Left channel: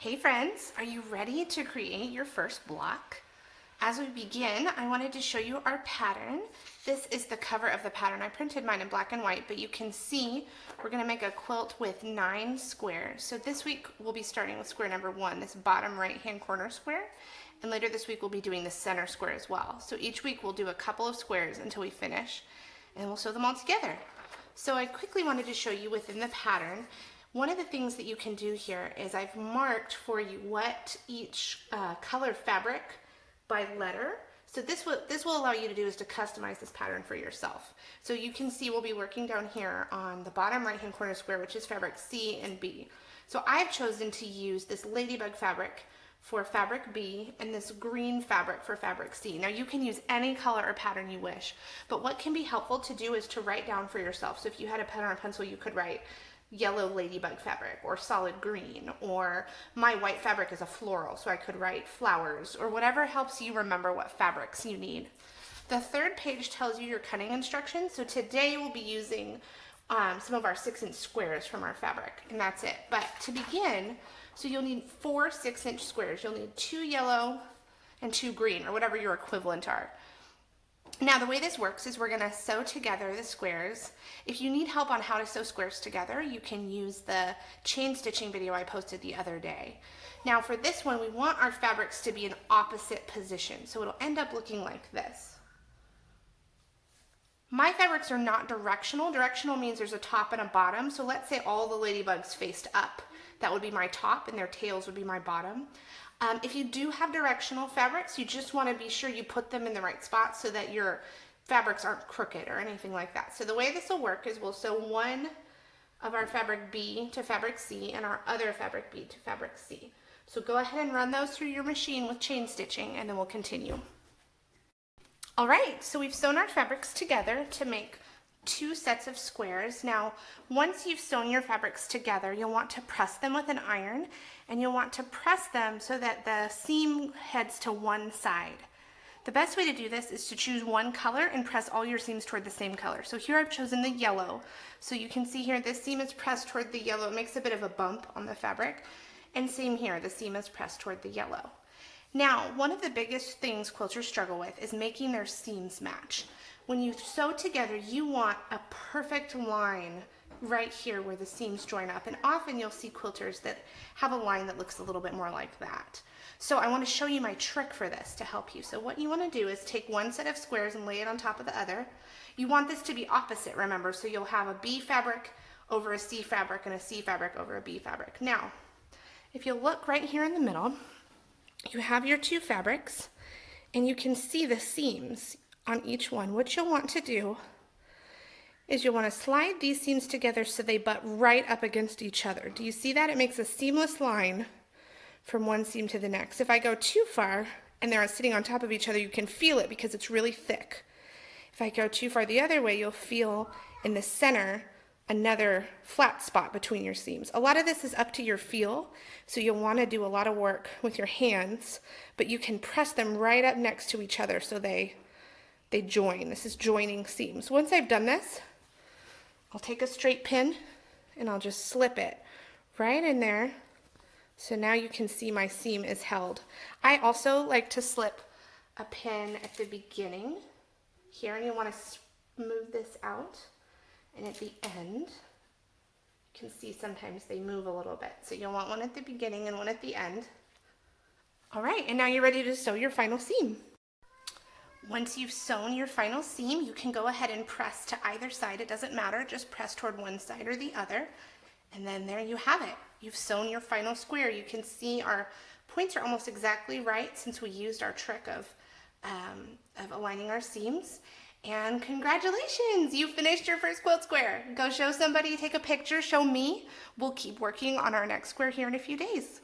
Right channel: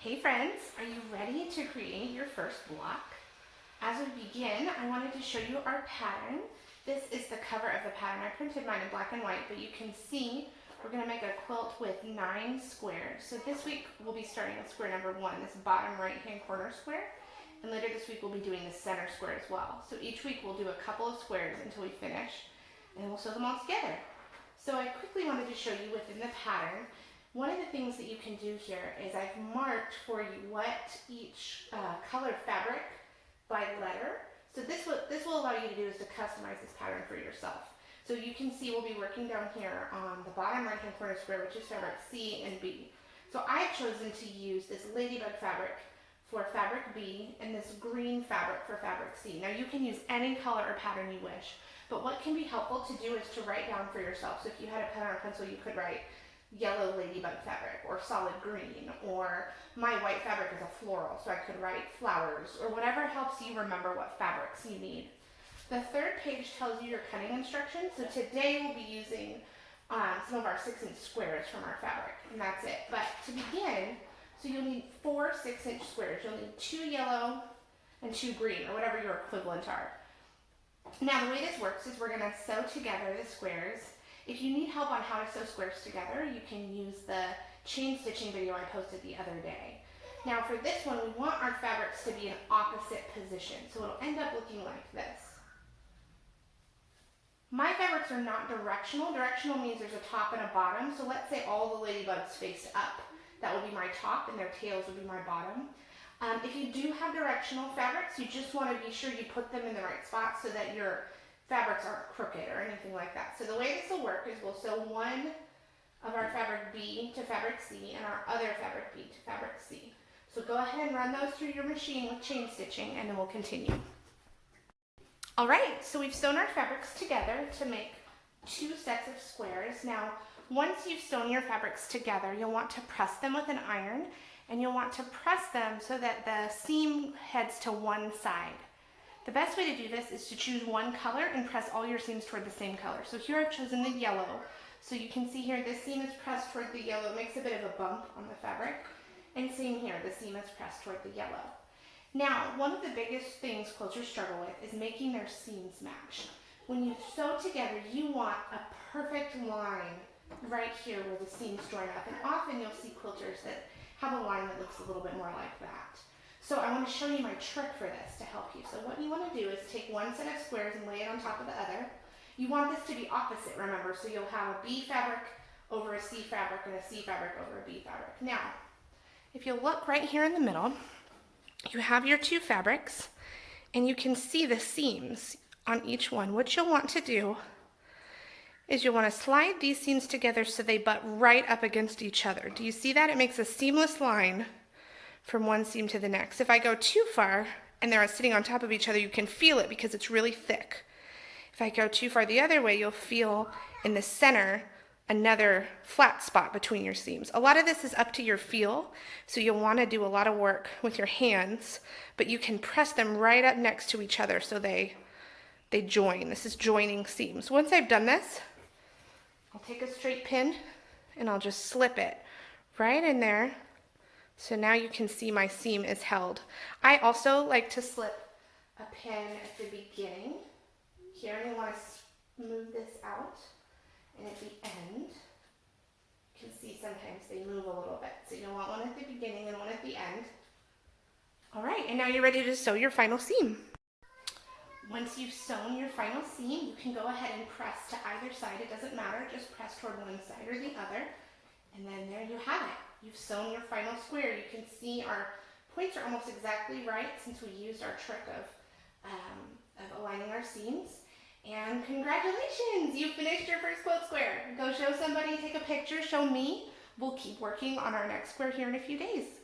Hey friends, are you ready to create your first block? As we begin, I wanted to show you our pattern. This is the cover of the pattern. I printed mine in black and white, but you can see we're going to make a quilt with 9 squares. So this week we'll be starting with square number 1, this bottom right hand corner square, and later this week we'll be doing the center square as well. So each week we'll do a couple of squares until we finish, and we'll sew them all together. So I quickly wanted to show you within the pattern. One of the things that you can do here is I've marked for you what each color fabric by letter. So this will allow you to do is to customize this pattern for yourself. So you can see we'll be working down here on the bottom right hand corner square, which is fabric C and B. So I've chosen to use this ladybug fabric for fabric B and this green fabric for fabric C. Now you can use any color or pattern you wish, but what can be helpful to do is to write down for yourself. So if you had a pen or a pencil, you could write yellow ladybug fabric or solid green, or my white fabric is a floral, so I could write flowers, or whatever helps you remember what fabrics you need. The third page tells you your cutting instructions. So today we'll be using some of our 6-inch squares from our fabric, and that's it. But to begin, so you'll need 4 6-inch squares. You'll need 2 yellow and 2 green, or whatever your equivalent are. Now the way this works is we're going to sew together the squares. If you need help on how to sew squares together, you can use the chain stitching video I posted the other day. Now for this one, we want our fabrics to be in opposite position, so it'll end up looking like this. My fabrics are not directional. Directional means there's a top and a bottom, so let's say all the ladybugs faced up. That would be my top and their tails would be my bottom. If you do have directional fabrics, you just want to be sure you put them in the right spot so that your fabrics aren't crooked or anything like that. So the way this will work is we'll sew one of our fabric B to fabric C and our other fabric B to fabric C. So go ahead and run those through your machine with chain stitching, and then we'll continue. All right, so we've sewn our fabrics together to make 2 sets of squares. Now, once you've sewn your fabrics together, you'll want to press them with an iron, and you'll want to press them so that the seam heads to one side. The best way to do this is to choose one color and press all your seams toward the same color. So here I've chosen the yellow. So you can see here this seam is pressed toward the yellow. It makes a bit of a bump on the fabric. And same here, the seam is pressed toward the yellow. Now, one of the biggest things quilters struggle with is making their seams match. When you sew together, you want a perfect line right here where the seams join up. And often you'll see quilters that have a line that looks a little bit more like that. So I want to show you my trick for this to help you. So what you want to do is take one set of squares and lay it on top of the other. You want this to be opposite, remember, so you'll have a B fabric over a C fabric and a C fabric over a B fabric. Now, if you look right here in the middle, you have your 2 fabrics, and you can see the seams on each one. What you'll want to do is you'll want to slide these seams together so they butt right up against each other. Do you see that? It makes a seamless line from one seam to the next. If I go too far and they're sitting on top of each other, you can feel it because it's really thick. If I go too far the other way, you'll feel in the center another flat spot between your seams. A lot of this is up to your feel, so you'll want to do a lot of work with your hands, but you can press them right up next to each other so they join. This is joining seams. Once I've done this, I'll take a straight pin and I'll just slip it right in there. So now you can see my seam is held. I also like to slip a pin at the beginning here, and you want to smooth this out. And at the end, you can see sometimes they move a little bit. So you'll want one at the beginning and one at the end. All right, and now you're ready to sew your final seam. Once you've sewn your final seam, you can go ahead and press to either side. It doesn't matter, just press toward one side or the other. And then there you have it. You've sewn your final square. You can see our points are almost exactly right since we used our trick of aligning our seams. And congratulations, you finished your first quilt square. Go show somebody, take a picture, show me. We'll keep working on our next square here in a few days.